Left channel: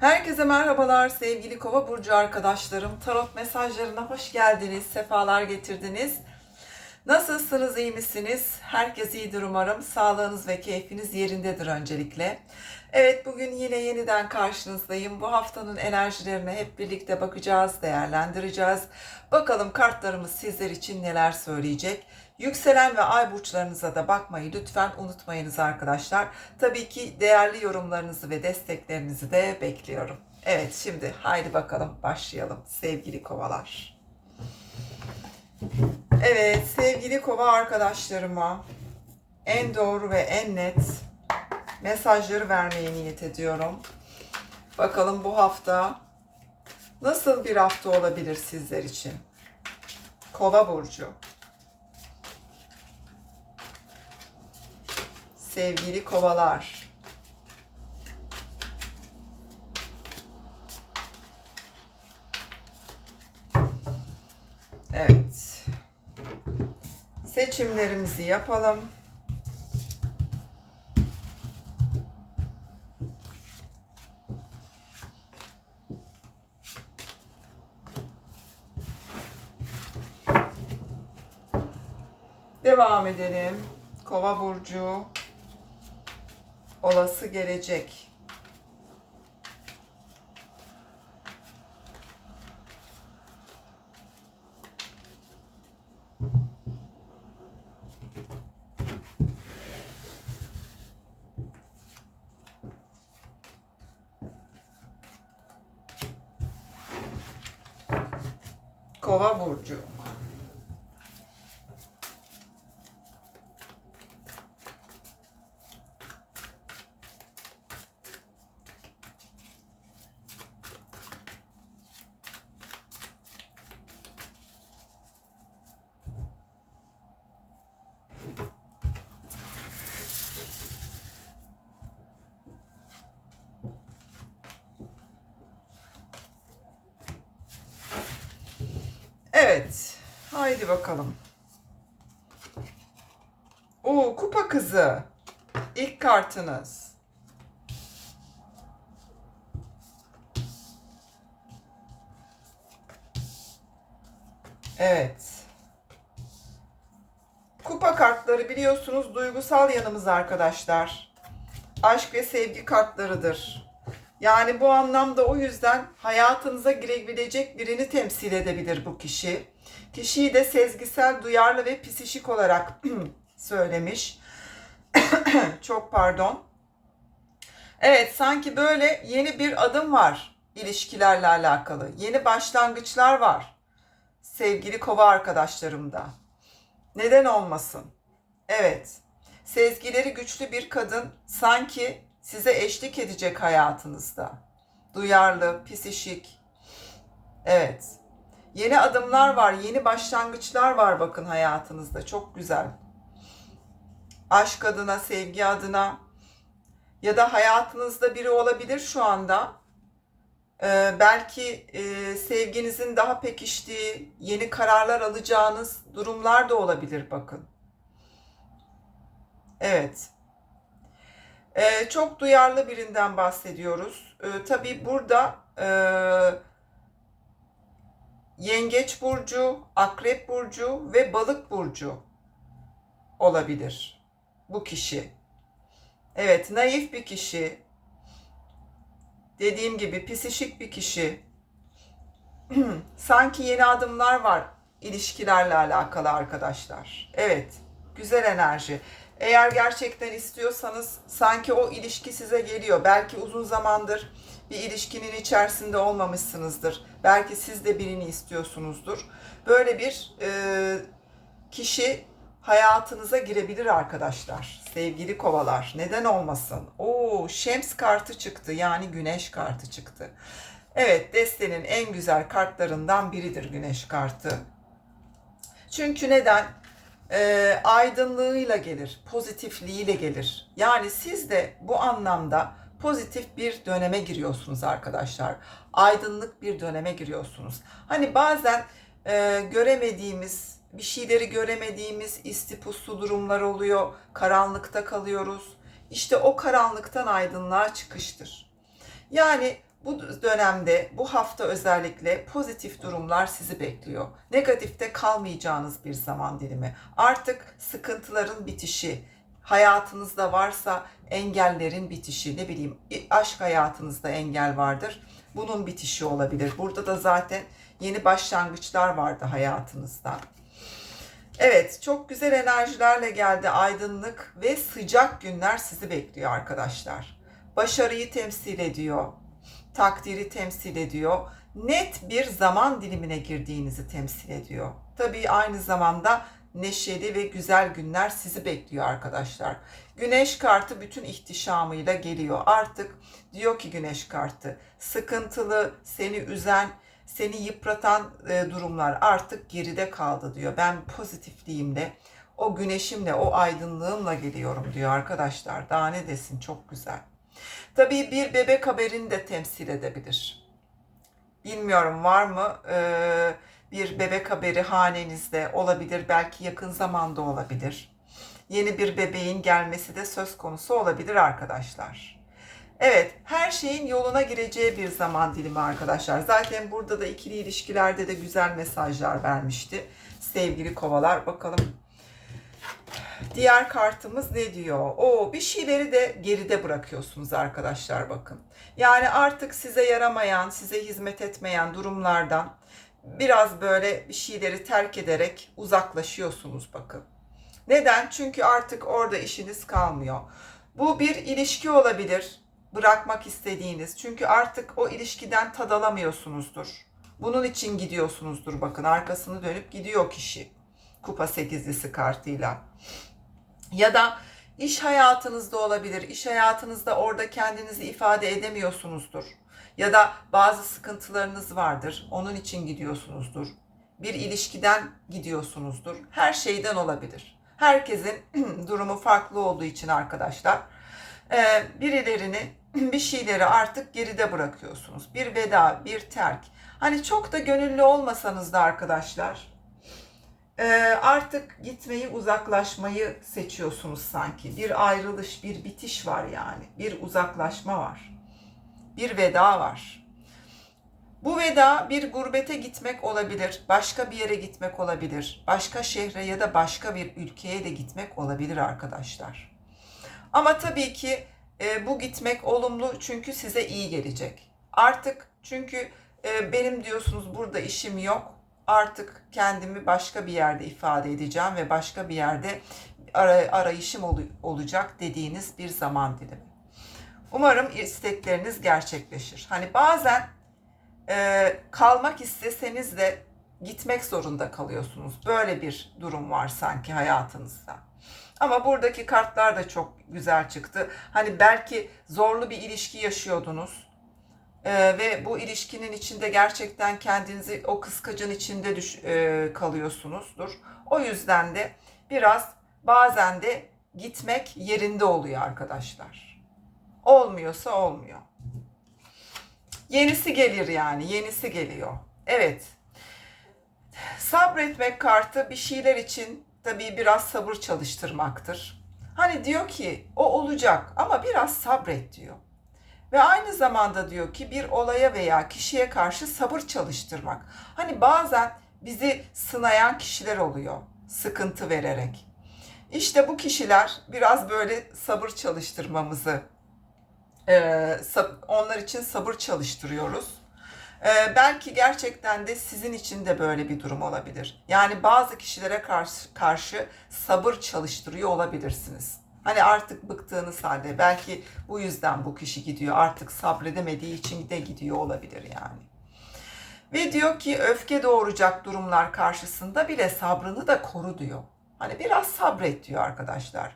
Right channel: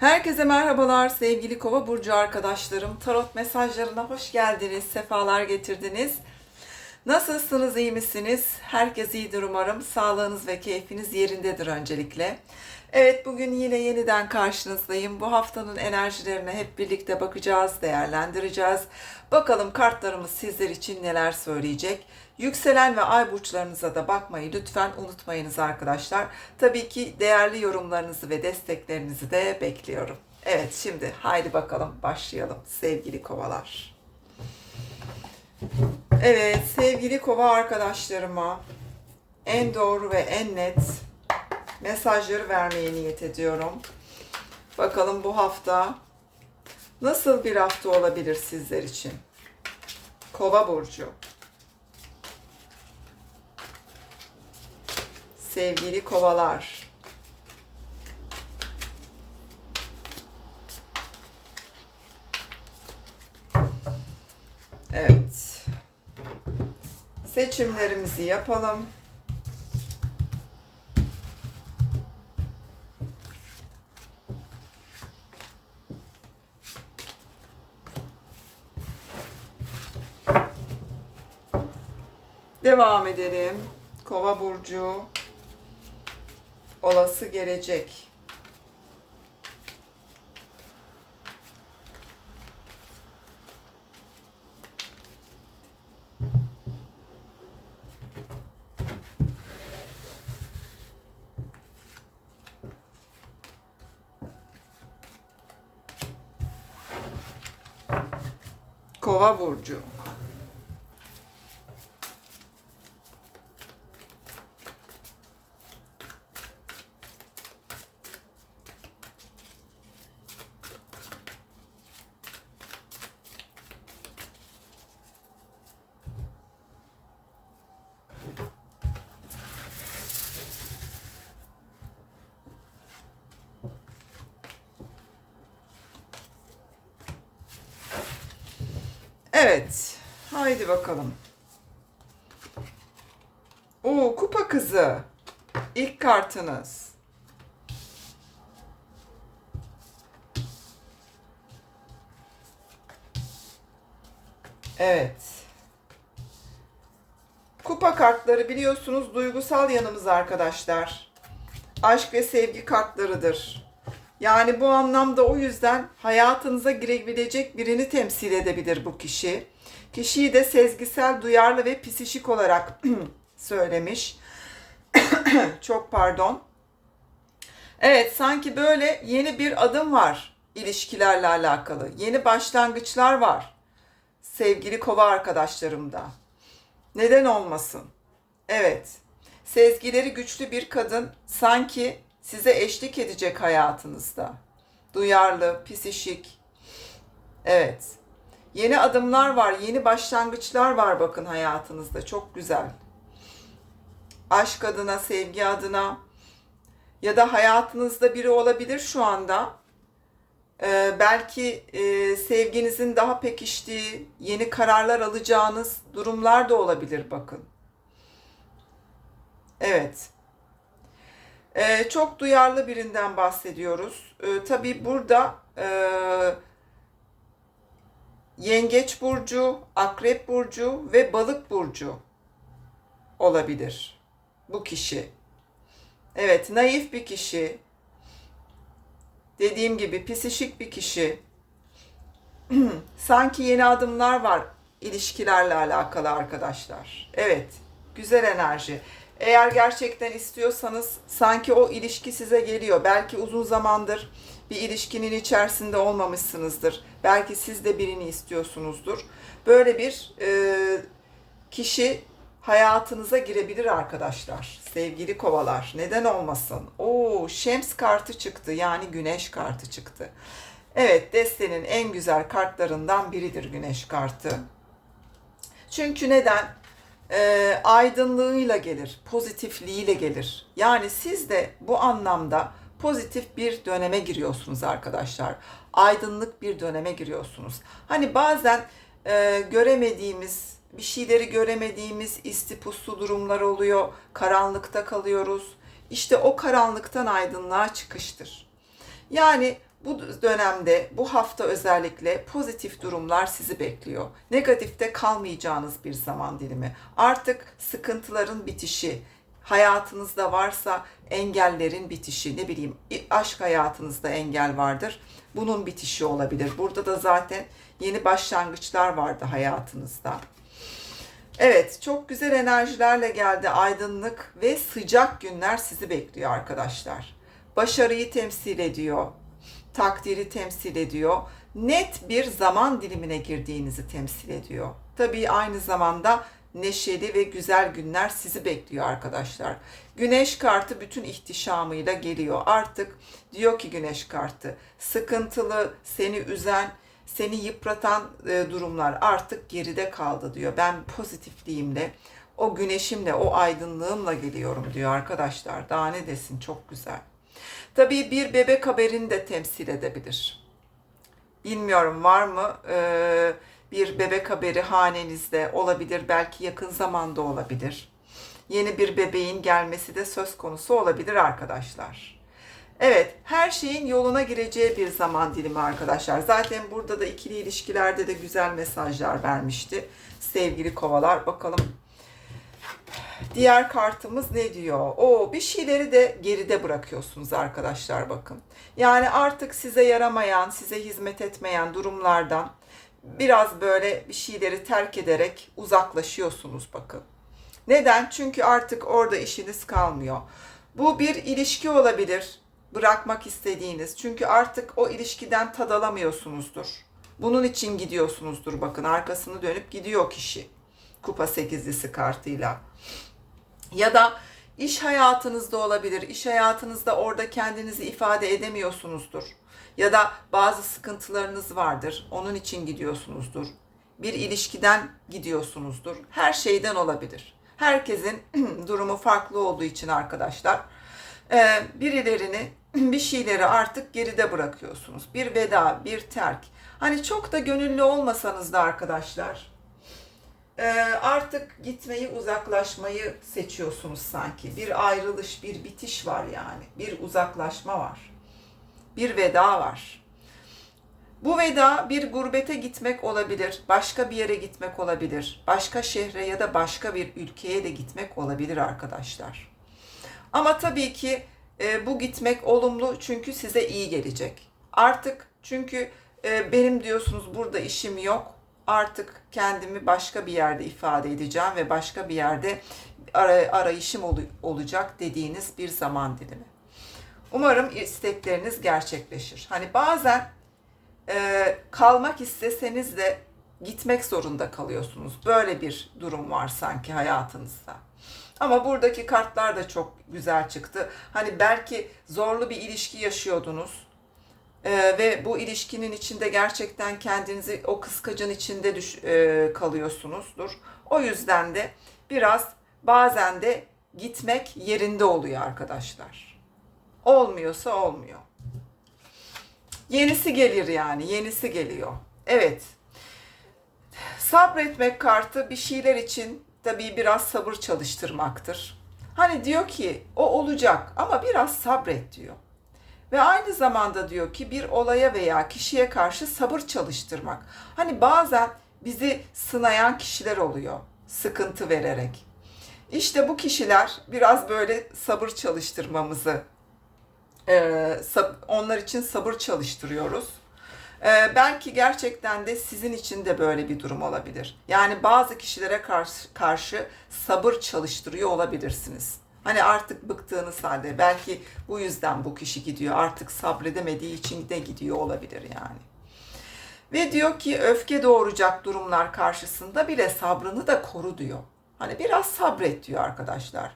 Herkese merhabalar sevgili Kova burcu arkadaşlarım. Tarot mesajlarına hoş geldiniz, sefalar getirdiniz. Nasılsınız, iyi misiniz? Herkes iyidir umarım. Sağlığınız ve keyfiniz yerindedir öncelikle. Evet, bugün yine yeniden karşınızdayım. Bu haftanın enerjilerine hep birlikte bakacağız, değerlendireceğiz. Bakalım kartlarımız sizler için neler söyleyecek. Yükselen ve ay burçlarınıza da bakmayı lütfen unutmayınız arkadaşlar. Tabii ki değerli yorumlarınızı ve desteklerinizi de bekliyorum. Evet şimdi haydi bakalım başlayalım sevgili kovalar. Evet sevgili kova arkadaşlarıma en doğru ve en net mesajları vermeye niyet ediyorum. Bakalım bu hafta nasıl bir hafta olabilir sizler için? Kova burcu. Sevgili kovalar. Evet. Seçimlerimizi yapalım. Devam edelim. Kova burcu olası gelecek. Kova burcu. Evet. Haydi bakalım. Oo, kupa kızı. İlk kartınız. Evet. Kupa kartları biliyorsunuz duygusal yanımız arkadaşlar. Aşk ve sevgi kartlarıdır. Yani bu anlamda o yüzden hayatınıza girebilecek birini temsil edebilir bu kişi. Kişiyi de sezgisel, duyarlı ve psişik olarak söylemiş. Çok pardon. Evet, sanki böyle yeni bir adım var ilişkilerle alakalı. Yeni başlangıçlar var. Sevgili kova arkadaşlarımda. Neden olmasın? Evet. Sezgileri güçlü bir kadın sanki size eşlik edecek hayatınızda. Duyarlı, psişik. Evet. Yeni adımlar var, yeni başlangıçlar var bakın hayatınızda. Çok güzel. Aşk adına, sevgi adına ya da hayatınızda biri olabilir şu anda. Ee, belki e, sevginizin daha pekiştiği, yeni kararlar alacağınız durumlar da olabilir bakın. Evet. Ee, çok duyarlı birinden bahsediyoruz. Ee, tabii burada e, Yengeç burcu, Akrep burcu ve Balık burcu olabilir bu kişi. Evet, naif bir kişi. Dediğim gibi psişik bir kişi. Sanki yeni adımlar var ilişkilerle alakalı arkadaşlar. Evet, güzel enerji. Eğer gerçekten istiyorsanız sanki o ilişki size geliyor. Belki uzun zamandır bir ilişkinin içerisinde olmamışsınızdır. Belki siz de birini istiyorsunuzdur. Böyle bir e, kişi hayatınıza girebilir arkadaşlar. Sevgili kovalar. Neden olmasın? Oo, Şems kartı çıktı. Yani güneş kartı çıktı. Evet, destenin en güzel kartlarından biridir güneş kartı. Çünkü neden? E, aydınlığıyla gelir, pozitifliğiyle gelir. Yani siz de bu anlamda pozitif bir döneme giriyorsunuz arkadaşlar. Aydınlık bir döneme giriyorsunuz. Hani bazen e, göremediğimiz, bir şeyleri göremediğimiz istipuslu durumlar oluyor. Karanlıkta kalıyoruz. İşte o karanlıktan aydınlığa çıkıştır. Yani Bu dönemde, bu hafta özellikle pozitif durumlar sizi bekliyor. Negatifte kalmayacağınız bir zaman dilimi. Artık sıkıntıların bitişi, hayatınızda varsa engellerin bitişi, ne bileyim aşk hayatınızda engel vardır. Bunun bitişi olabilir. Burada da zaten yeni başlangıçlar vardı hayatınızda. Evet, çok güzel enerjilerle geldi. Aydınlık ve sıcak günler sizi bekliyor arkadaşlar. Başarıyı temsil ediyor. Takdiri temsil ediyor. Net bir zaman dilimine girdiğinizi temsil ediyor. Tabii aynı zamanda neşeli ve güzel günler sizi bekliyor arkadaşlar. Güneş kartı bütün ihtişamıyla geliyor. Artık diyor ki güneş kartı sıkıntılı, seni üzen, seni yıpratan e, durumlar artık geride kaldı diyor. Ben pozitifliğimle, o güneşimle, o aydınlığımla geliyorum diyor arkadaşlar. Daha ne desin çok güzel. Tabii bir bebek haberini de temsil edebilir. Bilmiyorum var mı ee, bir bebek haberi hanenizde olabilir. Belki yakın zamanda olabilir. Yeni bir bebeğin gelmesi de söz konusu olabilir arkadaşlar. Evet, her şeyin yoluna gireceği bir zaman dilimi arkadaşlar. Zaten burada da ikili ilişkilerde de güzel mesajlar vermişti. Sevgili kovalar bakalım. Diğer kartımız ne diyor? O bir şeyleri de geride bırakıyorsunuz arkadaşlar bakın. Yani artık size yaramayan, size hizmet etmeyen durumlardan biraz böyle bir şeyleri terk ederek uzaklaşıyorsunuz bakın. Neden? Çünkü artık orada işiniz kalmıyor. Bu bir ilişki olabilir bırakmak istediğiniz. Çünkü artık o ilişkiden tad alamıyorsunuzdur. Bunun için gidiyorsunuzdur bakın arkasını dönüp gidiyor kişi. Kupa sekizlisi kartıyla. Ya da iş hayatınızda olabilir. İş hayatınızda orada kendinizi ifade edemiyorsunuzdur. Ya da bazı sıkıntılarınız vardır. Onun için gidiyorsunuzdur. Bir ilişkiden gidiyorsunuzdur. Her şeyden olabilir. Herkesin durumu farklı olduğu için arkadaşlar e, birilerini bir şeyleri artık geride bırakıyorsunuz. Bir veda, bir terk. Hani çok da gönüllü olmasanız da arkadaşlar e, artık gitmeyi, uzaklaşmayı seçiyorsunuz sanki. Bir ayrılış, bir bitiş var yani. Bir uzaklaşma var. Bir veda var. Bu veda bir gurbete gitmek olabilir, başka bir yere gitmek olabilir, başka şehre ya da başka bir ülkeye de gitmek olabilir arkadaşlar. Ama tabii ki e, bu gitmek olumlu çünkü size iyi gelecek. Artık çünkü e, benim diyorsunuz burada işim yok. Artık kendimi başka bir yerde ifade edeceğim ve başka bir yerde ara, arayışım ol, olacak dediğiniz bir zaman dilimi. Umarım istekleriniz gerçekleşir. Hani bazen e, kalmak isteseniz de gitmek zorunda kalıyorsunuz. Böyle bir durum var sanki hayatınızda. Ama buradaki kartlar da çok güzel çıktı. Hani belki zorlu bir ilişki yaşıyordunuz. Ee, ve bu ilişkinin içinde gerçekten kendinizi o kıskacın içinde düş, e, kalıyorsunuzdur. O yüzden de biraz bazen de gitmek yerinde oluyor arkadaşlar. Olmuyorsa olmuyor. Yenisi gelir yani, yenisi geliyor. Evet. Sabretmek kartı bir şeyler için tabii biraz sabır çalıştırmaktır. Hani diyor ki o olacak ama biraz sabret diyor. Ve aynı zamanda diyor ki bir olaya veya kişiye karşı sabır çalıştırmak. Hani bazen bizi sınayan kişiler oluyor sıkıntı vererek. İşte bu kişiler biraz böyle sabır çalıştırmamızı, onlar için sabır çalıştırıyoruz. Belki gerçekten de sizin için de böyle bir durum olabilir. Yani bazı kişilere karşı, karşı sabır çalıştırıyor olabilirsiniz. Hani artık bıktığınız halde belki bu yüzden bu kişi gidiyor. Artık sabredemediği için de gidiyor olabilir yani. Ve diyor ki öfke doğuracak durumlar karşısında bile sabrını da koru diyor. Hani biraz sabret diyor arkadaşlar.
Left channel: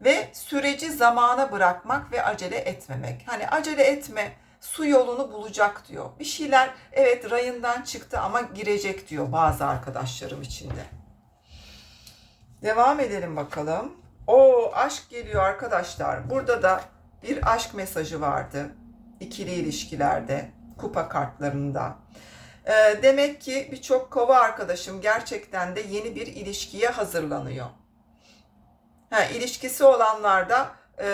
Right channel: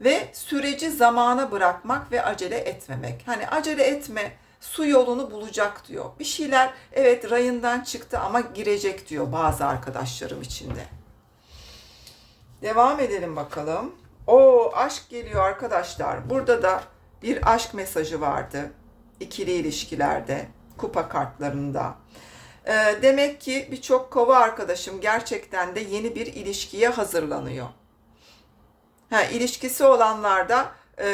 Ve süreci zamana bırakmak ve acele etmemek. Hani acele etme, su yolunu bulacak diyor. Bir şeyler evet rayından çıktı ama girecek diyor bazı arkadaşlarım içinde. Devam edelim bakalım. O aşk geliyor arkadaşlar. Burada da bir aşk mesajı vardı. İkili ilişkilerde, kupa kartlarında. Ee, demek ki birçok kova arkadaşım gerçekten de yeni bir ilişkiye hazırlanıyor. Ha, ilişkisi olanlar da e,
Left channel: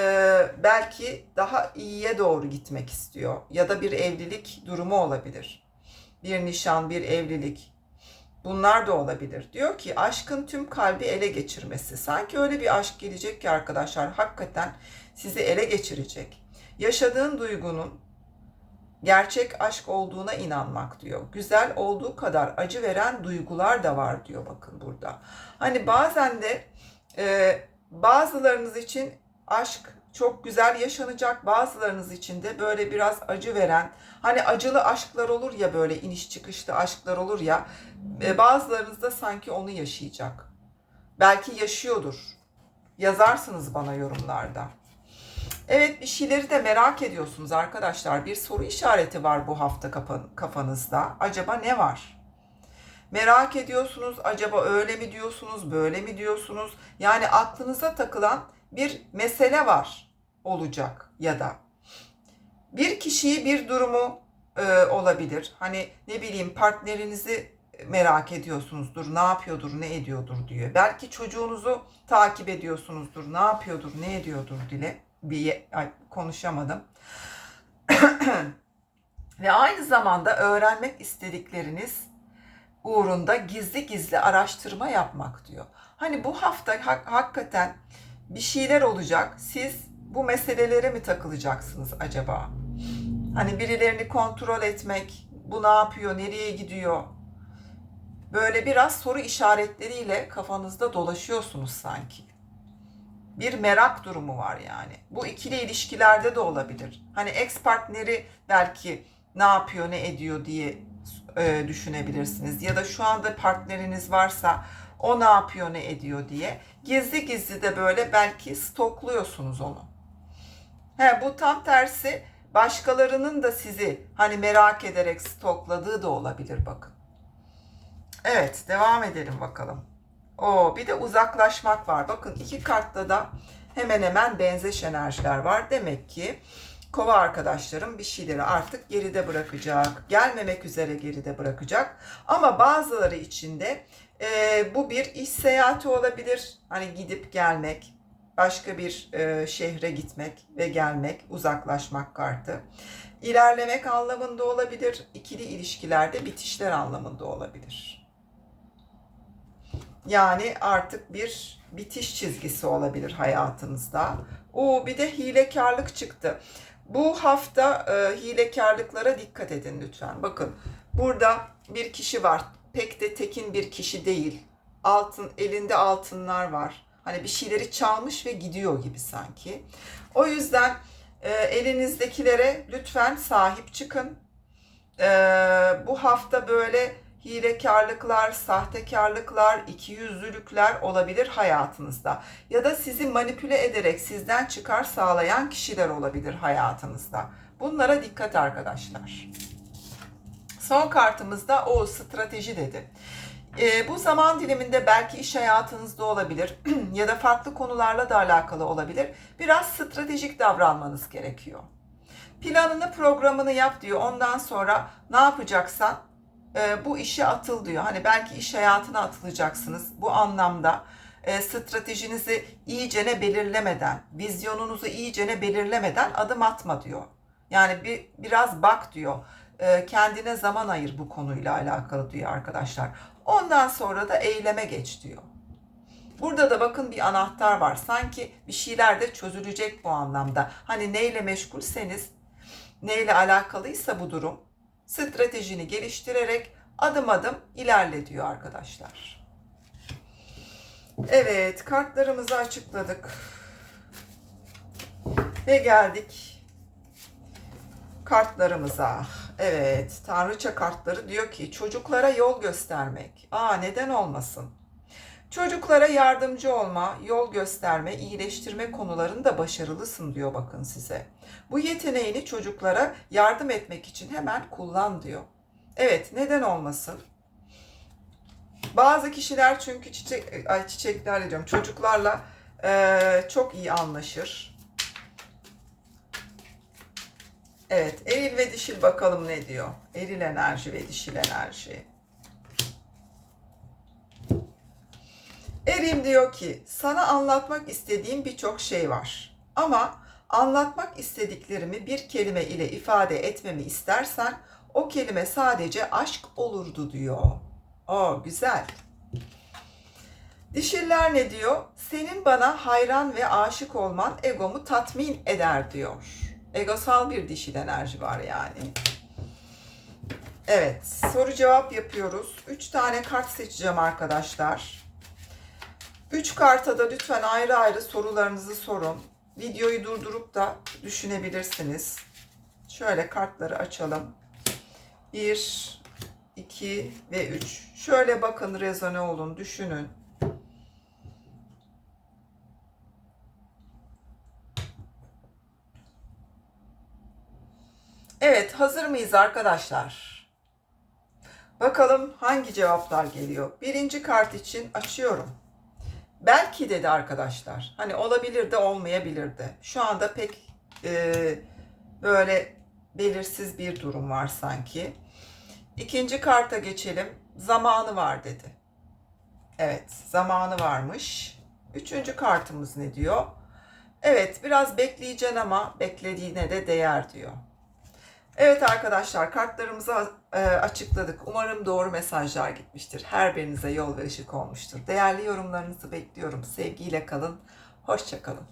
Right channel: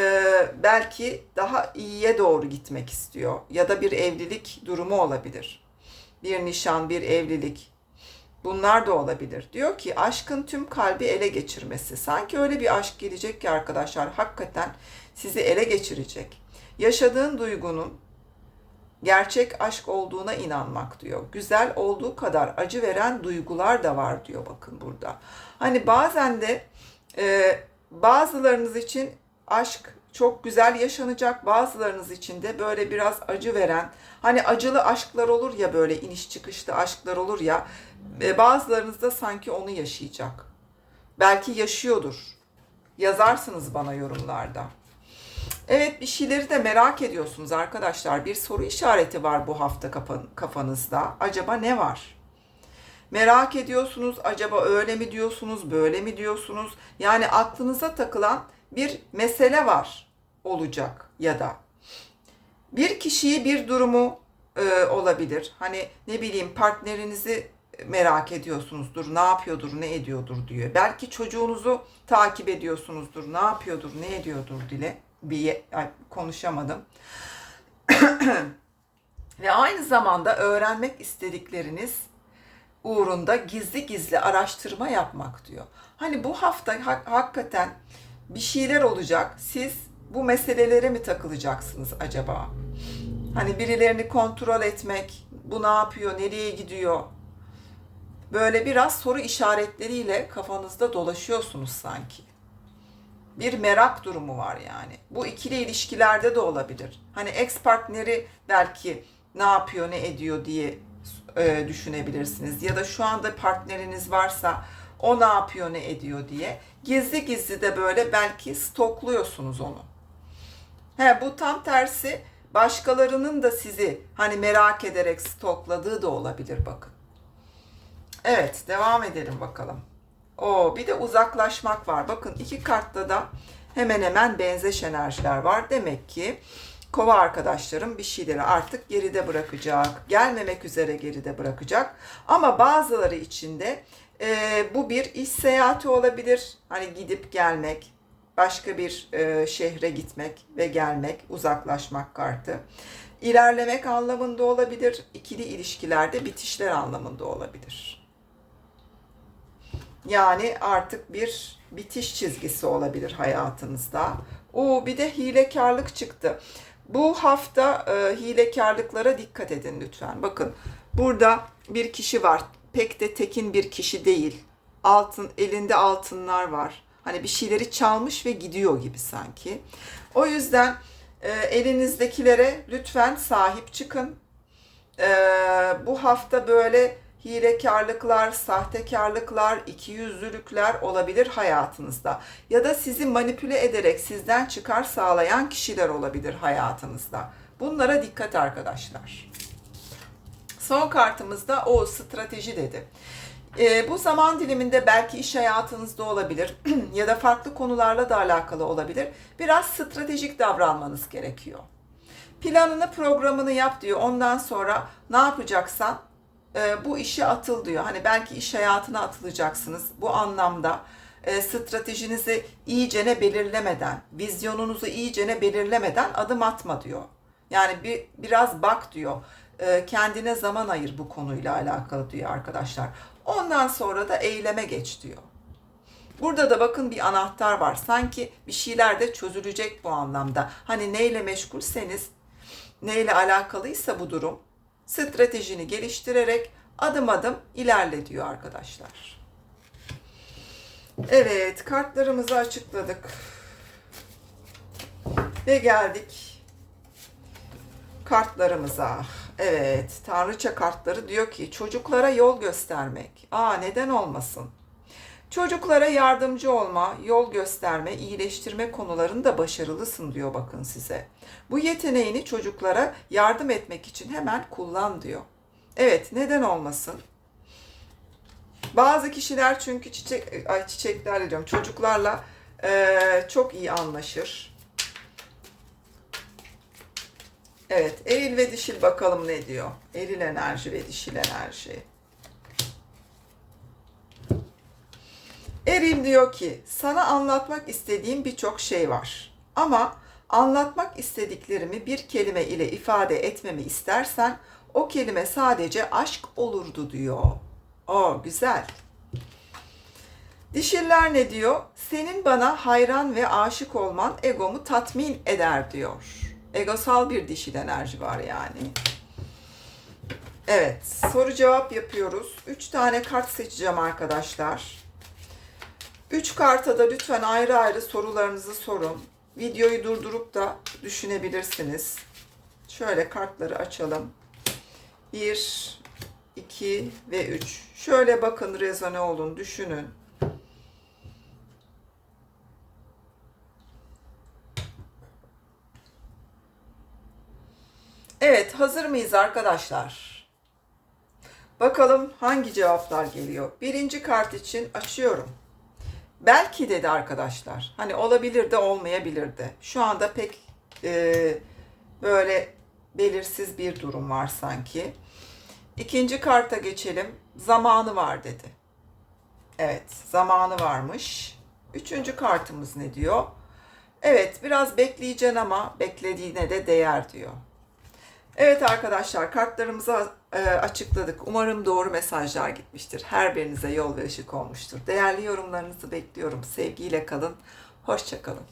belki daha iyiye doğru gitmek istiyor. Ya da bir evlilik durumu olabilir. Bir nişan, bir evlilik. Bunlar da olabilir. Diyor ki aşkın tüm kalbi ele geçirmesi. Sanki öyle bir aşk gelecek ki arkadaşlar hakikaten sizi ele geçirecek. Yaşadığın duygunun gerçek aşk olduğuna inanmak diyor. Güzel olduğu kadar acı veren duygular da var diyor bakın burada. Hani bazen de e, bazılarınız için aşk çok güzel yaşanacak. Bazılarınız için de böyle biraz acı veren, hani acılı aşklar olur ya böyle iniş çıkışlı aşklar olur ya. E, bazılarınız da sanki onu yaşayacak. Belki yaşıyordur. Yazarsınız bana yorumlarda. Evet bir şeyleri de merak ediyorsunuz arkadaşlar. Bir soru işareti var bu hafta kafa- kafanızda. Acaba ne var? Merak ediyorsunuz. Acaba öyle mi diyorsunuz, böyle mi diyorsunuz? Yani aklınıza takılan bir mesele var olacak ya da bir kişiyi bir durumu e, olabilir. Hani ne bileyim partnerinizi merak ediyorsunuzdur, ne yapıyordur, ne ediyordur diyor. Belki çocuğunuzu takip ediyorsunuzdur, ne yapıyordur, ne ediyordur dile bir ay, konuşamadım. Ve aynı zamanda öğrenmek istedikleriniz uğrunda gizli gizli araştırma yapmak diyor. Hani bu hafta hak- hakikaten bir şeyler olacak. Siz bu meselelere mi takılacaksınız acaba? Hani birilerini kontrol etmek, bu ne yapıyor, nereye gidiyor? Böyle biraz soru işaretleriyle kafanızda dolaşıyorsunuz sanki. Bir merak durumu var yani. Bu ikili ilişkilerde de olabilir. Hani ex partneri belki ne yapıyor, ne ediyor diye e, düşünebilirsiniz. Ya da şu anda partneriniz varsa o ne yapıyor, ne ediyor diye. Gizli gizli de böyle belki stokluyorsunuz onu. He, bu tam tersi başkalarının da sizi hani merak ederek stokladığı da olabilir bakın. Evet, devam edelim bakalım. O bir de uzaklaşmak var. Bakın iki kartta da hemen hemen benzeş enerjiler var. Demek ki kova arkadaşlarım bir şeyleri artık geride bırakacak. Gelmemek üzere geride bırakacak. Ama bazıları için de e, bu bir iş seyahati olabilir. Hani gidip gelmek, başka bir e, şehre gitmek ve gelmek, uzaklaşmak kartı. İlerlemek anlamında olabilir. İkili ilişkilerde bitişler anlamında olabilir. Yani artık bir bitiş çizgisi olabilir hayatınızda. O bir de hilekarlık çıktı. Bu hafta e, hilekarlıklara dikkat edin lütfen. Bakın burada bir kişi var. Pek de tekin bir kişi değil. Altın elinde altınlar var. Hani bir şeyleri çalmış ve gidiyor gibi sanki. O yüzden e, elinizdekilere lütfen sahip çıkın. E, bu hafta böyle hilekarlıklar, sahtekarlıklar, ikiyüzlülükler olabilir hayatınızda. Ya da sizi manipüle ederek sizden çıkar sağlayan kişiler olabilir hayatınızda. Bunlara dikkat arkadaşlar. Son kartımızda o strateji dedi. Ee, bu zaman diliminde belki iş hayatınızda olabilir ya da farklı konularla da alakalı olabilir. Biraz stratejik davranmanız gerekiyor. Planını, programını yap diyor. Ondan sonra ne yapacaksan e, bu işe atıl diyor. Hani belki iş hayatına atılacaksınız. Bu anlamda e, stratejinizi iyicene belirlemeden, vizyonunuzu iyicene belirlemeden adım atma diyor. Yani bir biraz bak diyor. E, kendine zaman ayır bu konuyla alakalı diyor arkadaşlar. Ondan sonra da eyleme geç diyor. Burada da bakın bir anahtar var. Sanki bir şeyler de çözülecek bu anlamda. Hani neyle meşgulseniz, neyle alakalıysa bu durum stratejini geliştirerek adım adım ilerle diyor arkadaşlar. Evet, kartlarımızı açıkladık. Ve geldik kartlarımıza. Evet, tanrıça kartları diyor ki çocuklara yol göstermek. Aa neden olmasın? Çocuklara yardımcı olma, yol gösterme, iyileştirme konularında başarılısın diyor bakın size. Bu yeteneğini çocuklara yardım etmek için hemen kullan diyor. Evet, neden olmasın? Bazı kişiler çünkü çiçek, ay çiçekler diyorum, çocuklarla eee, çok iyi anlaşır. Evet, eril ve dişil bakalım ne diyor. Eril enerji ve dişil enerji. Eril diyor ki, sana anlatmak istediğim birçok şey var. Ama anlatmak istediklerimi bir kelime ile ifade etmemi istersen o kelime sadece aşk olurdu diyor. O güzel. Dişiller ne diyor? Senin bana hayran ve aşık olman egomu tatmin eder diyor. Egosal bir dişil enerji var yani. Evet, soru cevap yapıyoruz. 3 tane kart seçeceğim arkadaşlar. 3 karta da lütfen ayrı ayrı sorularınızı sorun. Videoyu durdurup da düşünebilirsiniz. Şöyle kartları açalım. 1, 2 ve 3. Şöyle bakın rezone olun, düşünün. Evet, hazır mıyız arkadaşlar? Bakalım hangi cevaplar geliyor. Birinci kart için açıyorum. Belki dedi arkadaşlar. Hani olabilir de olmayabilir de. Şu anda pek e, böyle belirsiz bir durum var sanki. İkinci karta geçelim. Zamanı var dedi. Evet, zamanı varmış. Üçüncü kartımız ne diyor? Evet, biraz bekleyeceksin ama beklediğine de değer diyor. Evet arkadaşlar kartlarımızı e, açıkladık. Umarım doğru mesajlar gitmiştir. Her birinize yol ve ışık olmuştur. Değerli yorumlarınızı bekliyorum. Sevgiyle kalın. Hoşça kalın.